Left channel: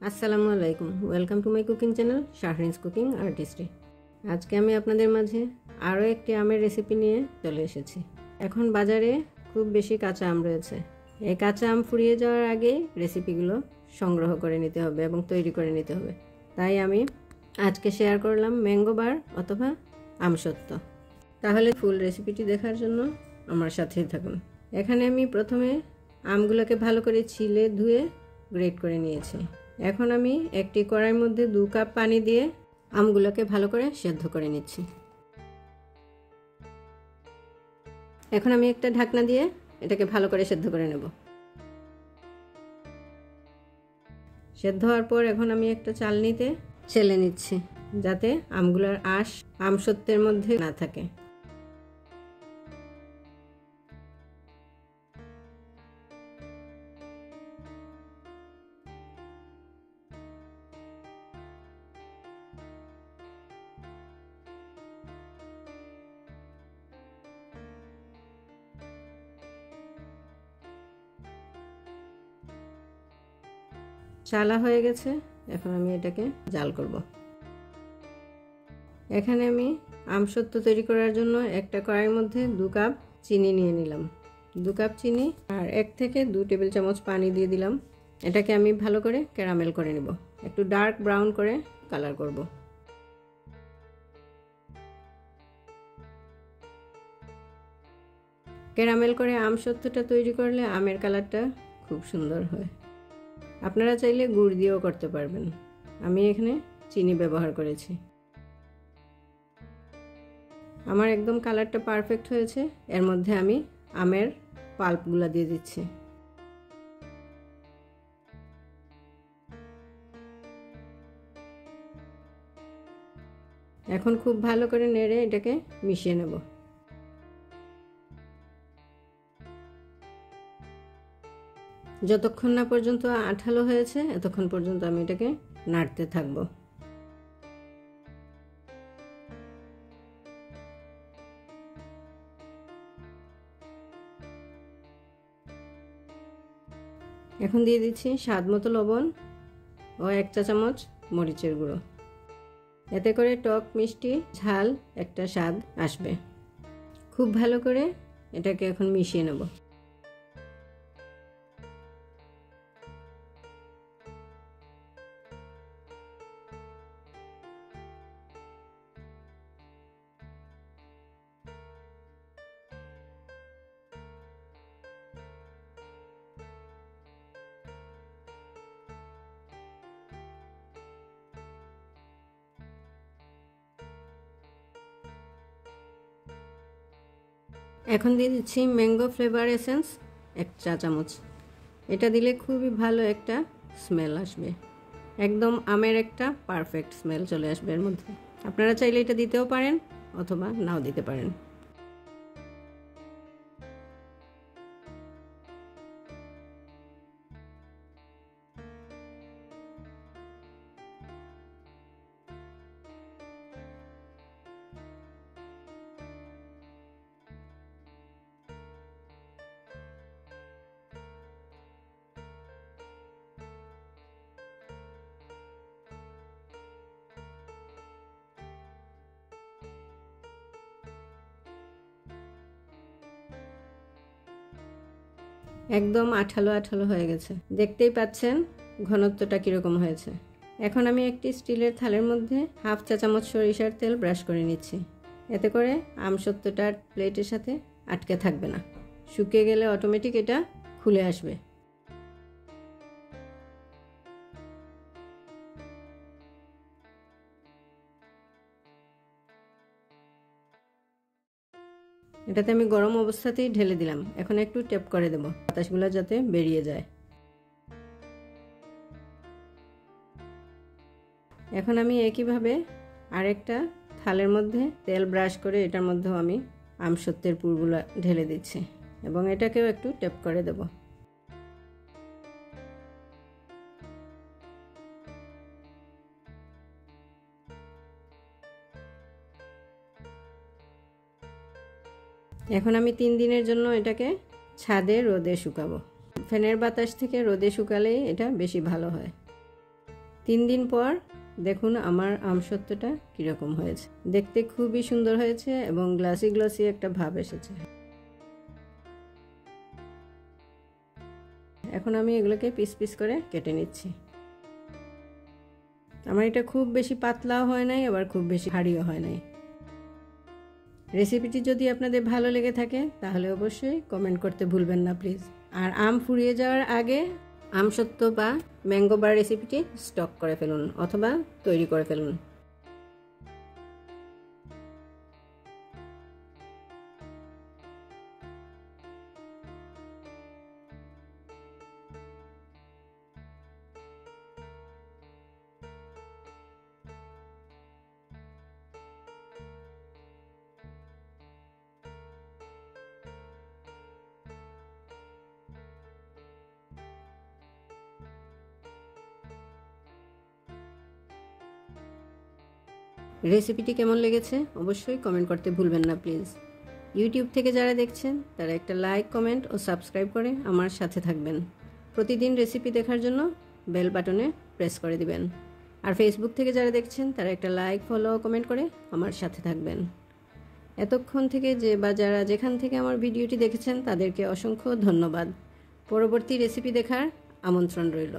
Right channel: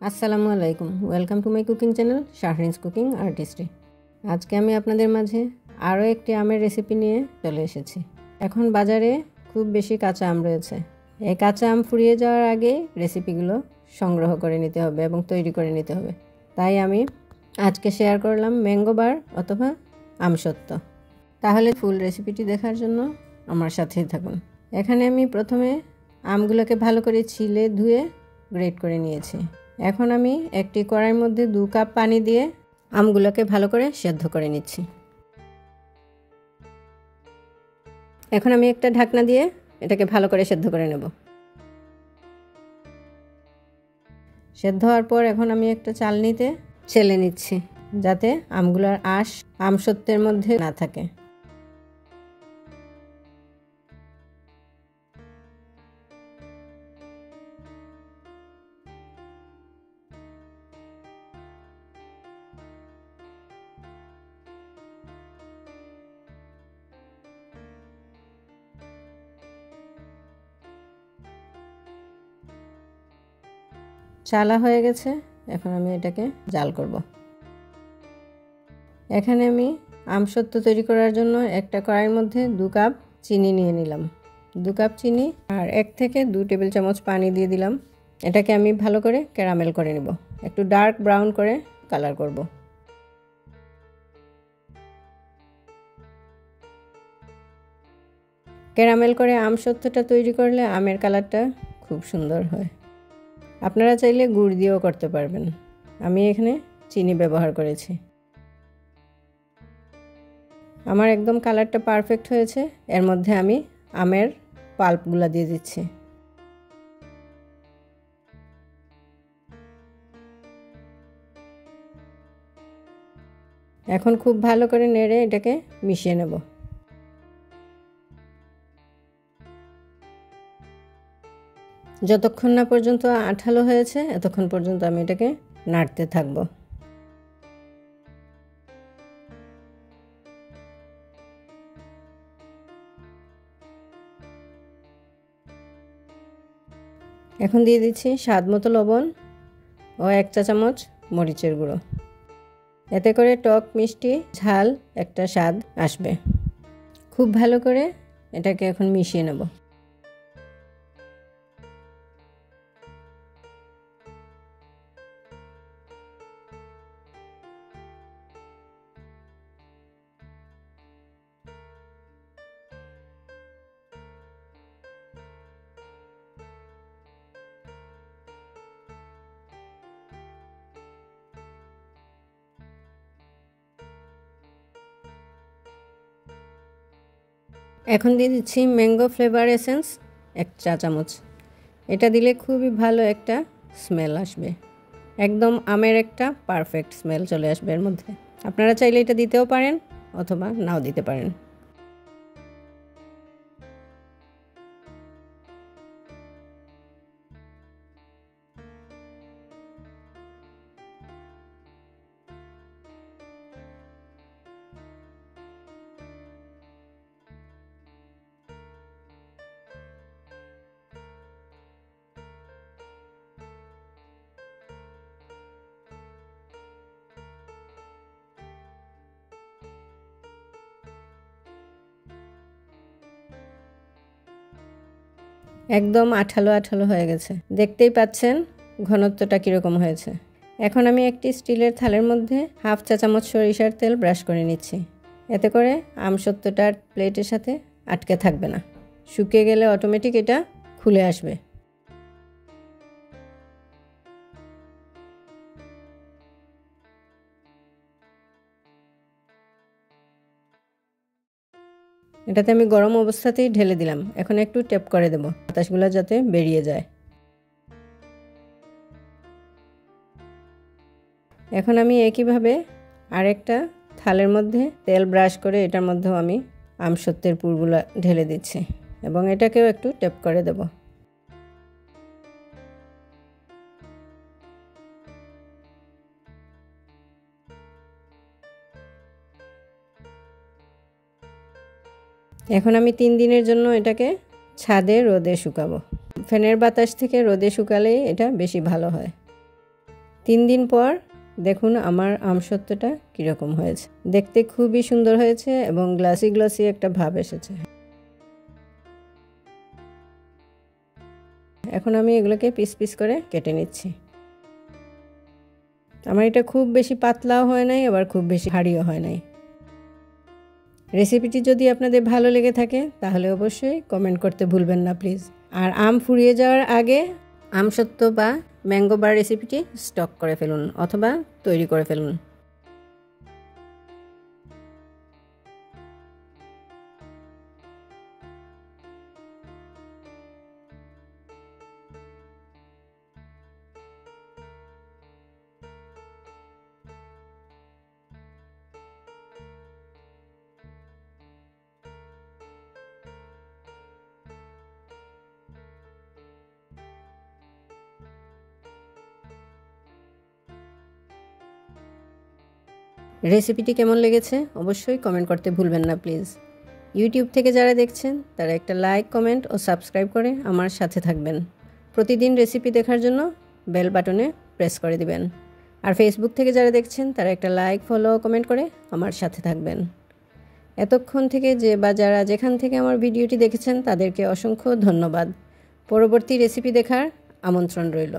আসসালামু আলাইকুম, welcome to my cooking channel Shahrin's cooking artistry. আজকে আমি আপনাদের মাঝে আরও একটি আমের রেসিপি নিয়ে চলে এসেছি। এখন বাজারে খুব বেশি কাঁচা আম রয়েছে। এই কাঁচা আম ফুরিয়ে যাওয়ার আগে রেসিপিগুলো সংগ্রহ করে নিতে হবে এবং তৈরি করে নিতে হবে। তাই আমি আজকে শেয়ার করলাম ম্যাঙ্গো বার অথবা আমসত্ত্ব। তাহলে ফুল রেসিপিটি দেখার জন্য আমার সাথেই থাকুন। এখানে আমি প্রথমে আমগুলোকে ভালো করে ছিলে ধুয়ে গ্রেট করে নিয়েছি। এখন আমি একটি কড়াইয়ের মধ্যে 2 কাপ পানি দিয়ে আমগুলোকে ভালো করে সেদ্ধ করে নিচ্ছি। এখন আমি একটা ঢাকনা দিয়ে এটাকে ভালো করে সেদ্ধ করে নেব। সেদ্ধ হওয়ার পর এখন আমি একটা চালনিতে ছেলে নিচ্ছি, যাতে আমগুলোর আঁশ আমসত্ত্বের মধ্যে না থাকে। চালা হয়ে গেছে, এখন আমি এটাকে জাল করব। এখানে আমি আমসত্ত্ব তৈরি করার জন্য একটা কড়াইয়ের মধ্যে 2 কাপ চিনি নিয়ে নিলাম। 2 কাপ চিনি আর 1 থেকে 2 টেবিল চামচ পানি দিয়ে দিলাম। এটাকে আমি ভালো করে ক্যারামেল করে নেব, একটু ডার্ক ব্রাউন করে কালার করব। ক্যারামেল করে আমসত্ত্বটা তৈরি করলে আমের কালারটা খুব সুন্দর হয়। আপনারা চাইলে গুড় দিয়েও করতে পারবেন, আমি এখানে চিনি ব্যবহার করেছি। আমার একদম কালারটা পারফেক্ট হয়েছে। এর মধ্যে আমি আমের পাল্পগুলো দিয়ে দিচ্ছি। এখন খুব ভালো করে নেড়ে এটাকে মিশিয়ে নেব। যতক্ষণ না পর্যন্ত আঠালো হয়েছে এতক্ষণ পর্যন্ত আমি এটাকে নাড়তে থাকবো। এখন দিয়ে দিচ্ছি স্বাদ মতো লবণ ও 1 চা চামচ মরিচের গুঁড়ো। এতে করে টক মিষ্টি ঝাল একটা স্বাদ আসবে। খুব ভালো করে এটাকে এখন মিশিয়ে নেব। এখন দিয়ে দিচ্ছি ম্যাঙ্গো ফ্লেভার এসেন্স 1 চা চামচ। এটা দিলে খুবই ভালো একটা স্মেল আসবে, একদম আমের একটা পারফেক্ট স্মেল চলে আসবে এর মধ্যে। আপনারা চাইলে এটা দিতেও পারেন অথবা নাও দিতে পারেন। একদম আঠালো আঠালো হয়ে গেছে, দেখতেই পাচ্ছেন ঘনত্বটা কীরকম হয়েছে। এখন আমি একটি স্টিলের থালের মধ্যে 1/2 চা চামচ সরিষার তেল ব্রাশ করে নিচ্ছি। এতে করে আমসত্ত্বটার প্লেটের সাথে আটকে থাকবে না, শুকিয়ে গেলে অটোমেটিক এটা খুলে আসবে। এটাতে আমি গরম অবস্থাতেই ঢেলে দিলাম। এখন একটু ট্যাপ করে দেব, বাতাসগুলো যাতে বেরিয়ে যায়। এখন আমি একইভাবে আরেকটা থালের মধ্যে তেল ব্রাশ করে এটার মধ্যেও আমি আমসত্ত্বের পুরগুলো ঢেলে দিচ্ছি এবং এটাকেও একটু ট্যাপ করে দেব। এখন আমি 3 দিনের জন্য এটাকে ছাদে রোদে শুকাবো। ফ্যানের বাতাস থেকে রোদে শুকালে এটা বেশি ভালো হয়। 3 দিন পর দেখুন আমার আমসত্ত্বটা কীরকম হয়েছে। দেখতে খুবই সুন্দর হয়েছে এবং গ্লাসি গ্লাসি একটা ভাব এসেছে। এখন আমি এগুলোকে পিস পিস করে কেটে নিচ্ছি। আমার এটা খুব বেশি পাতলাও হয় নাই, আবার খুব বেশি ভারীও হয় নাই। রেসিপিটি যদি আপনাদের ভালো লেগে থাকে তাহলে অবশ্যই কমেন্ট করতে ভুলবেন না প্লিজ। আর আম ফুরিয়ে যাওয়ার আগে আমসত্ত্ব বা ম্যাঙ্গো বার রেসিপিটি স্টক করে ফেলুন অথবা তৈরি করে ফেলুন। রেসিপিটি কেমন লেগেছে অবশ্যই কমেন্ট করতে ভুলবেন না প্লিজ। ইউটিউব থেকে যারা দেখছেন তারা একটা লাইক, কমেন্ট ও সাবস্ক্রাইব করে আমার সাথে থাকবেন। প্রতিদিন রেসিপি দেখার জন্য বেল বাটনে প্রেস করে দিবেন। আর ফেসবুক থেকে যারা দেখছেন তারা একটা লাইক, ফলো, কমেন্ট করে আমার সাথে থাকবেন। এতক্ষণ থেকে যারা যেখান থেকে আমার ভিডিওটি দেখেছেন তাদেরকে অসংখ্য ধন্যবাদ। পরবর্তী রেসিপি দেখার আমন্ত্রণ রইল।